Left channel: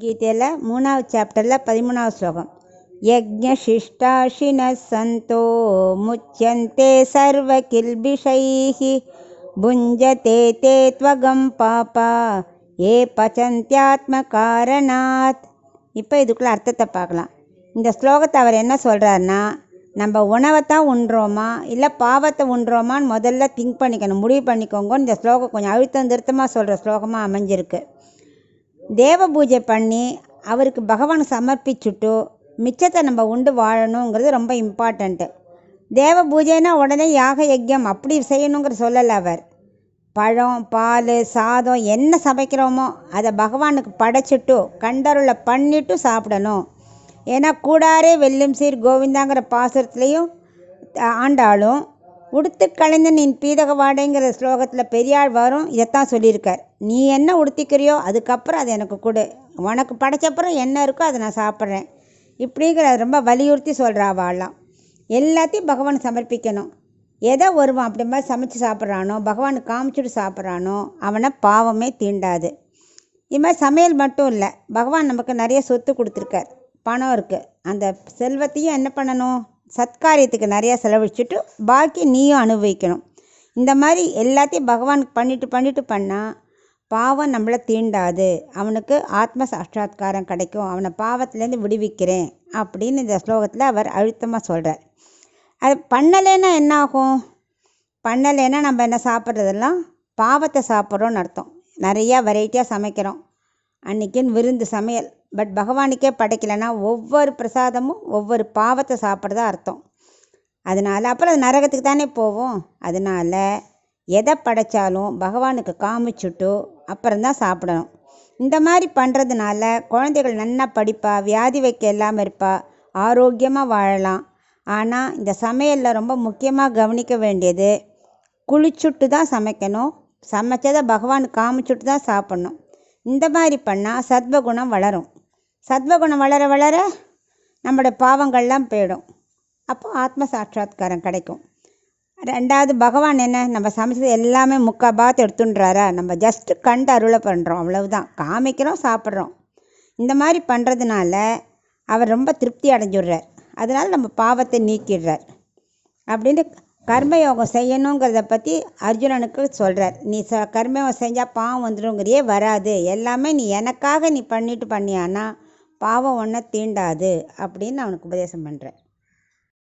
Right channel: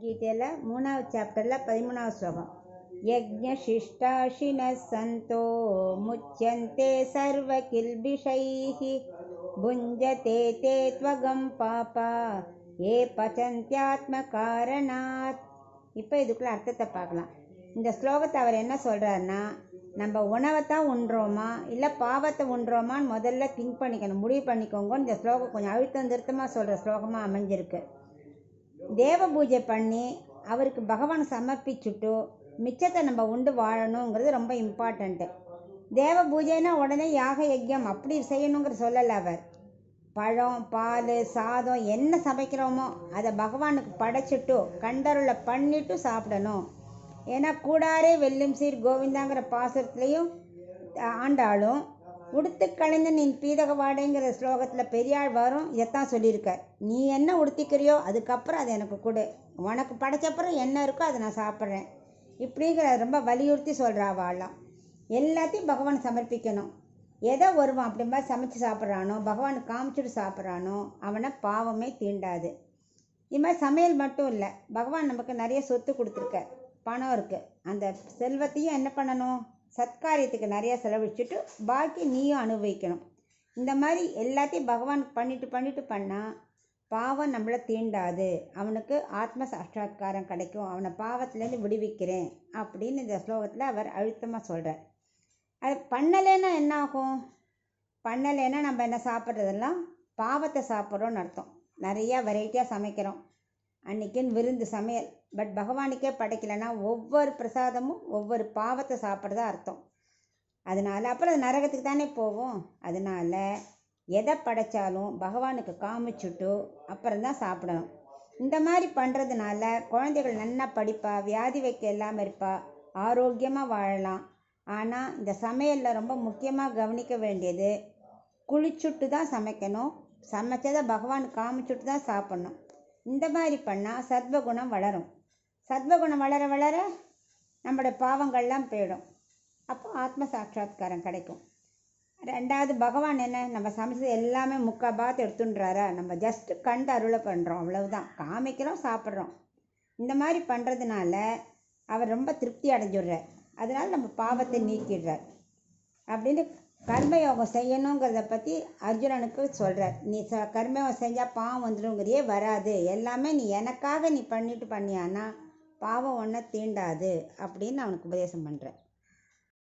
கீதையில் 3வது சாப்டரில் 13வது ஸ்லோகம். யஜ்ஞசிஷ்டாஷின சந்தோ முச்யந்தே சர்வ கில்பிஷைஹி புஞ்சதே தே த்வகம் பாபா ஏ பச்சந்தியாத்ம காரணாத். இப்போ இதுக்குள்ள அர்த்தத்தை பார்க்கலாம். இந்த ஸ்லோகத்தை அவர் என்ன சொல்கிறாருன்னா, நம்ம உணவைத்தான் உண்றோமா இல்லை பாவத்தை உண்றோமான்னு முதல்ல திங்க் பண்ணிக்கணும், முடிவு பண்ணிக்கோங்க. இந்த ஸ்லோகம் கொஞ்சம் அழுத்தம் திருத்தமாக சொல்கிற ஸ்லோகமாக அமைஞ்சிருக்கு. தேவ பூஜை பண்ணி அவருக்கு பகவான் சமர்ப்பிச்சுட்டு மிச்சத்தை நம்ம உண்டு வாழணுங்கிறது ரொம்ப இம்பார்ட்டண்ட்டு. தேவ பூஜைனா உடனே யாக யஜ்யம் அப்படி செய்யணுங்கிற சொல்லலை அவர். பழம், பால், சாதம் என்ன சமைக்கிறோமோ அதை பகவானுக்கு படைச்சிட்டு கண்டருளை பண்ணிவிட்டு சாப்பிடணும். ஏன்னா கூடாரே வெல்லும் சீர் கோவிந்தாங்கிற பாசுரத்துலேயும் ஆண்டாலும் உடுத்து கலைந்து நீ பீதக வாடைங்கிற ஸ்லோகத்தில் பெரியாள் வரும் இதைத்தான் சொல்லியிருக்கார். நீ என்ன உடுத்திக்கிறியோ அதுக்கப்புறம் அது எனக்கு கொடு, உனக்கு படைச்சப்புறம் என்ன இருக்கோ அதை நான் சாப்பிட்றேன் இப்படிங்கிற ரொம்ப வலியுறுத்தி சொல்கிறாவாலாம். எல்லாத்தையும் பகவான் சமர்ப்பிக்கணும். எதை ஒருவன் அப்படி மாதிரி சமைச்சு சாப்பிட்றானோ, பகவானுக்கு காமிச்சுட்டு சாப்பிட்றானோ அவனை பாவமே தீண்டாது. இது மாதிரி சமையல் மட்டும் இல்லை, பகவான் நமக்கு நிறைய சொத்து கொடுத்துருக்கார், பணம் இருக்குது. அந்த செல்வத்தையும் என்ன பண்ணணும், சத்காரியத்துக்கு நிறையா செலவழிச்சுட்டு பாக்கி நீயும் அனுபவிக்கணும். இந்த மாதிரி எல்லாத்தையும் பகவானுக்கு பண்ணிட்டு பண்ணால் பாவம் நம்மளை தீண்டாது, அவனுக்கு ஆத்ம சாட்சாத்காரம் கிடைக்கும், அவனை பாவத்திலேருந்து விடுவிக்கிறேன் அப்படின்னு இந்த ஸ்லோகத்தில் அவர் அழுத்தமாக சொல்கிறார். அது பண்ணலைன்னா என்ன ஆகும்? பண்ணலைன்னா நம்ம என்ன சாப்பிட்றதெல்லாம் பாவத்தை சாப்பிட்றோன்னு அர்த்தம். நிறையா வெரைட்டியாக சமைக்கிறோம், அன்றைக்கின்னு விருந்து சமையல், பட் பகவானுக்கே படைக்கலைன்னா ஒவ்வொரு பிரசாதமும் ஒவ்வொரு பாவத்தை சாப்பிட்றதா அர்த்தம். அதனால் அப்புறம் அது நரகத்துக்கு தானே போவோம். அதனால் எதை படைத்தாலும் பகவானுக்கு காமிச்சுட்டு அப்புறம்தான் சாப்பிடணும். இந்த மாதிரி பண்ணுறதுனால குழந்தைகள் நல்லா படிப்பா, வியாதி வைக்க இல்லாமல் இருப்பா, ஆரோக்கியமாக வாழலாம். ஆனால் இந்த சமையலில் ரொம்ப முக்கியமாக கவனிக்க வேண்டியது, குளிச்சுட்டு தான் சமைக்கணும், சமைச்சதை பகவானுக்கு காமிச்சுட்டு தான் சாப்பிட்ணும். இந்த மாதிரி பண்ணால் சத்வகுணம் வளரும். சத்வகுணம் வளர வளர நம்மளோட பாவங்கள்லாம் போயிடும். அப்போ ஆத்ம சாட்சாத்காரம் கிடைக்கும். ரெண்டாவது, பகவான் என்ன நம்ம சமைச்சது எல்லாமே முக்காபாத்து எடுத்துன்றாரா, நம்ம ஜஸ்ட்டு கண்டு அருளை பண்ணுறோம், அவ்வளவுதான், காமிக்கிறோம், சாப்பிட்றோம். இந்த மாதிரி பண்ணுறதுனால அவர் ரொம்ப திருப்தி அடைஞ்சிடுறார். அதனால் நம்ம பாவத்தை நீக்கிடுறார். அப்படின்னு கர்மயோகம் செய்யணுங்கிறத பற்றி அர்ஜுனனுக்கு சொல்கிறார். நீ கர்மயோகம் செஞ்சால் பாவம் வந்துடுங்கிறியே, வராது, எல்லாமே நீ எனக்காக நீ பண்ணிட்டு பண்ணியானா பாவம் ஒன்றை தீண்டாது அப்படின்னு அவனுக்கு உபதேசம் பண்ணுறார்.